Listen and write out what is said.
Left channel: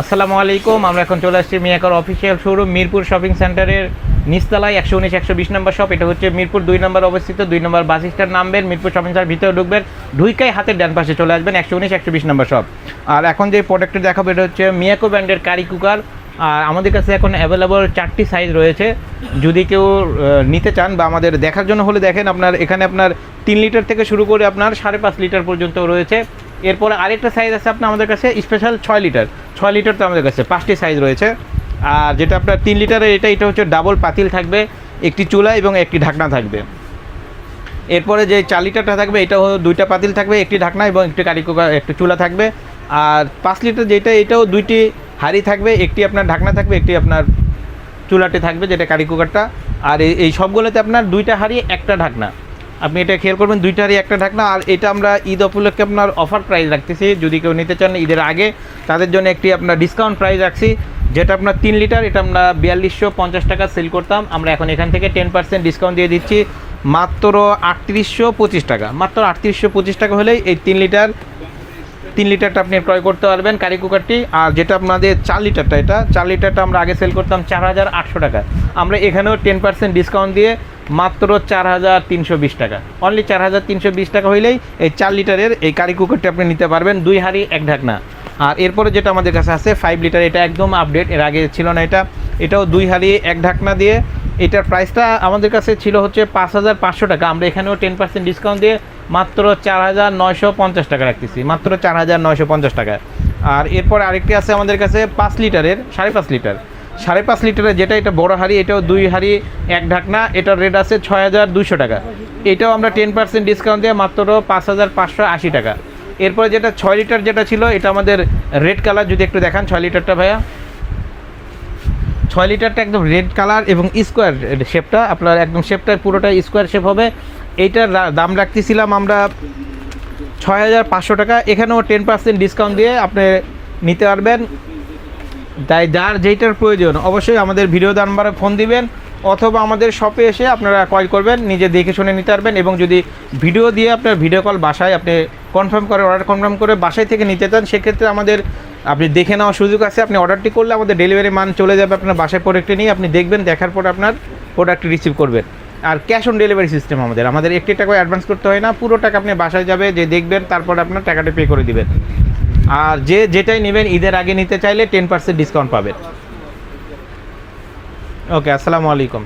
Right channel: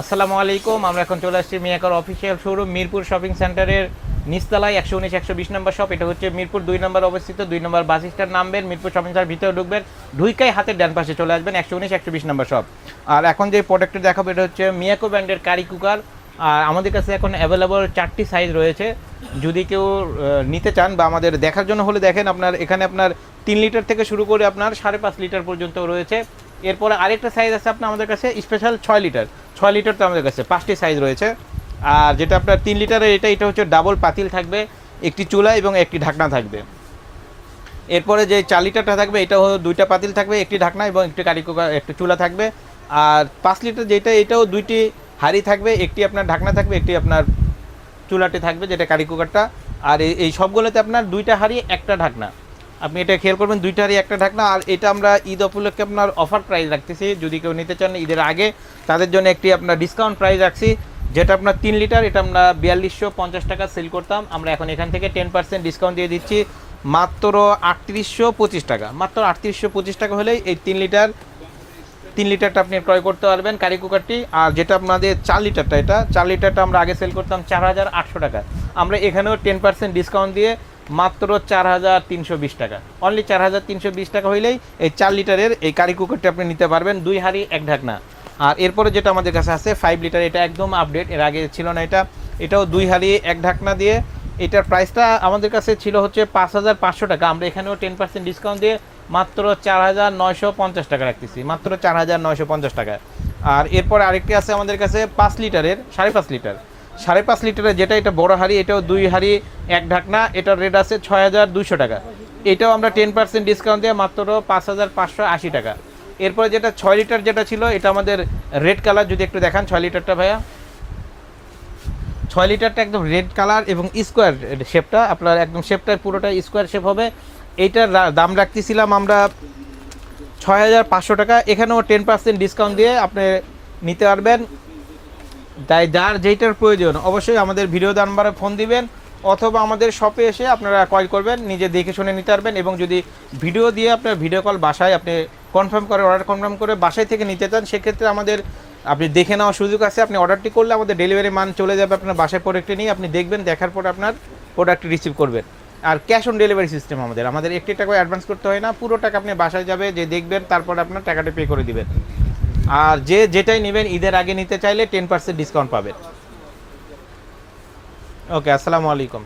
আসসালামু আলাইকুম। আমরা এখন চলে আসছি মিয়াকর অফিসিয়াল শোরুম মিরপুর শপিং সেন্টারের নিচতলায় 119-120 নম্বর শপ। এটা হচ্ছে মিরপুর 2 নম্বর অবস্থিত। 2 নম্বর বাস স্ট্যান্ড নামবেন, মিরপুর শপিং সেন্টার ভিতরে ঢুকবেন, ঢুইকাই হাতের ডান পাশে চলে আসবেন 119-120 নম্বর শপ। আর এখন যে প্রোডাক্টটা দেখাবো এটা হচ্ছে মিয়াকো ব্র্যান্ডের কারি কুকার। আর আমাদের কাছে এখন অ্যাভেলেবল 4টি সাইজ রয়েছে। যদি কেউ নিতে চান বা আমাদের দেখার জন্য হলে দেখেন, আপনার এখানে আপনার 3 লিটার থেকে শুরু করে আপনার 5.5 লিটার পর্যন্ত রয়েছে। এরপরে আরেকটা সাইজ আছে আপনার আমাদের কাছে স্পেশাল 6 লিটার তো আমাদের কাছে 5টি সাইজ রয়েছে। আর যেটা আপনার 3 লিটারের এটা হচ্ছে ডাবল পাতিল থাকবে, একটি চুলা এবং একটি ঢাকনা থাকবে। এরপরে যে 4 লিটারটা থাকবে এটা 2টা পাতিল থাকবে, একটি ঢাকনা এবং একটি কারি কুকার, একটি চুলা থাকবে। আর 5 লিটার যেটা এটাও 2টি হাঁড়ি থাকবে, একটি আপনার ঢাকনা থাকবে, একটি আপনার চুলাতে থাকবে যেটা কারি কুকারটা। আর এই সবগুলোতে আপনার 2টা হাঁড়ি একটা ঢাকনা। আপনি এটা খেয়াল করবেন, 2টা হাঁড়ি একটা ঢাকনা। আর এটা আমরা ঈদ উপলক্ষে আপনার অফার প্রাইস রাখতেছি, যদি কেউ নিতে চান ঈদের আগে তাদের জন্য একটি আপনার ডিসকাউন্ট প্রাইস রাখছি। যেটা আপনার 3 লিটার এটা আমরা 4250 টাকা সেল করতাম, আমরা এখন এখান থেকে 10% ডিসকাউন্ট দিয়ে দিচ্ছি মাত্র 3825 টাকা। মাত্র 3825 টাকা হলেই এই 3 লিটারটা আপনি ক্রয় করতে পারবেন কারি কুকারটি। আর যেটা আপনাদের 4 লিটারটা, এটা 4 লিটারটা আমরা আগে সেল করতাম 4800 টাকা, আমরা এখানেও 10% ডিসকাউন্ট দিয়ে মাত্র 4320 টাকা, অনলি 4320 টাকা হইলেই এই 4 লিটারের এই কারি কুকারটি আপনি নিতে পারবেন, 2 হাঁড়ি 1 ঢাকনা। আর এরপরে যেটা আমাদের কাছে আছে 5 লিটার, এটা একদম আপডেট, এর আগে ছিল না এটাও 2 হাঁড়ি 1 ঢাকনা দিয়ে। এটার প্রাইসটা আমাদের কাছে ছিল হচ্ছে 5500 টাকা, আমরা এখানেও 10% ডিসকাউন্ট দিয়ে মাত্র 4950 টাকা রাখতেছি, মাত্র 4950 টাকা। আর এরপর আরেকটি আছে আমাদের কাছে 5 লিটারের 5.5 লিটারের যেটা এটা বড় হাঁড়ি, এটাও 2 হাঁড়ি 1 ঢাকনা, এটার রেট আছে 6200 টাকা, এটাও আমরা 10% ডিসকাউন্ট দিয়ে মাত্র 5580 টাকা। এরপরে যেটা 6 লিটার যেটা ছিল এটা আমাদের রেড কালার, যদি একটু দেখান 6 লিটারটা ভাইয়া। 6 লিটারটা একদম রেড কালার এবং স্কোয়ার শেপটা, আপনার একদম শেপটা পুরোটা স্কোয়ার শেপ হবে। এইটার দাম রাখতেছিলাম আমরা 6500 টাকা, এখানেও 10% ডিসকাউন্ট দিয়ে আপনি নিতে পারবেন। তাই যার যেইটার প্রয়োজন অবশ্যই আমাদের ভিডিও নাম্বারে ফোন দিবেন, অথবা আমাদের শপে এসে আপনারা ক্রয় করবেন, নিজে দেখে শুনে নিতে পারবেন। এবং যদি ভিডিও দিয়ে আপনার ভিডিও কল বাসায় আপনি কনফার্ম করে অর্ডার কনফার্ম করে বাসায় থেকে নিতে চান, সেক্ষেত্রে আমাদের আপনি দেখে নেওয়ার সুযোগ আছে। আপনি অর্ডারটি করলে আমাদের ডেলিভারি মান চলে যাবে আপনার বাসায়, প্রোডাক্টটি নিয়ে আপনি দেখবেন, দেখার পর আপনার প্রোডাক্টটি রিসিভ করবেন। আর ক্যাশ অন ডেলিভারি সিস্টেম আমাদের 1 টাকা অ্যাডভান্স করতে হয় না, পুরো টাকা আপনি বাসায় যাবে, যে দেখবেন তারপর আপনার টাকাটা পে করে দিবেন। আর যেটাই নেবেন ঈদের আগে নিতে চাইলে 10% ডিসকাউন্ট পাবেন। ওকে, আসসালামু আলাইকুম।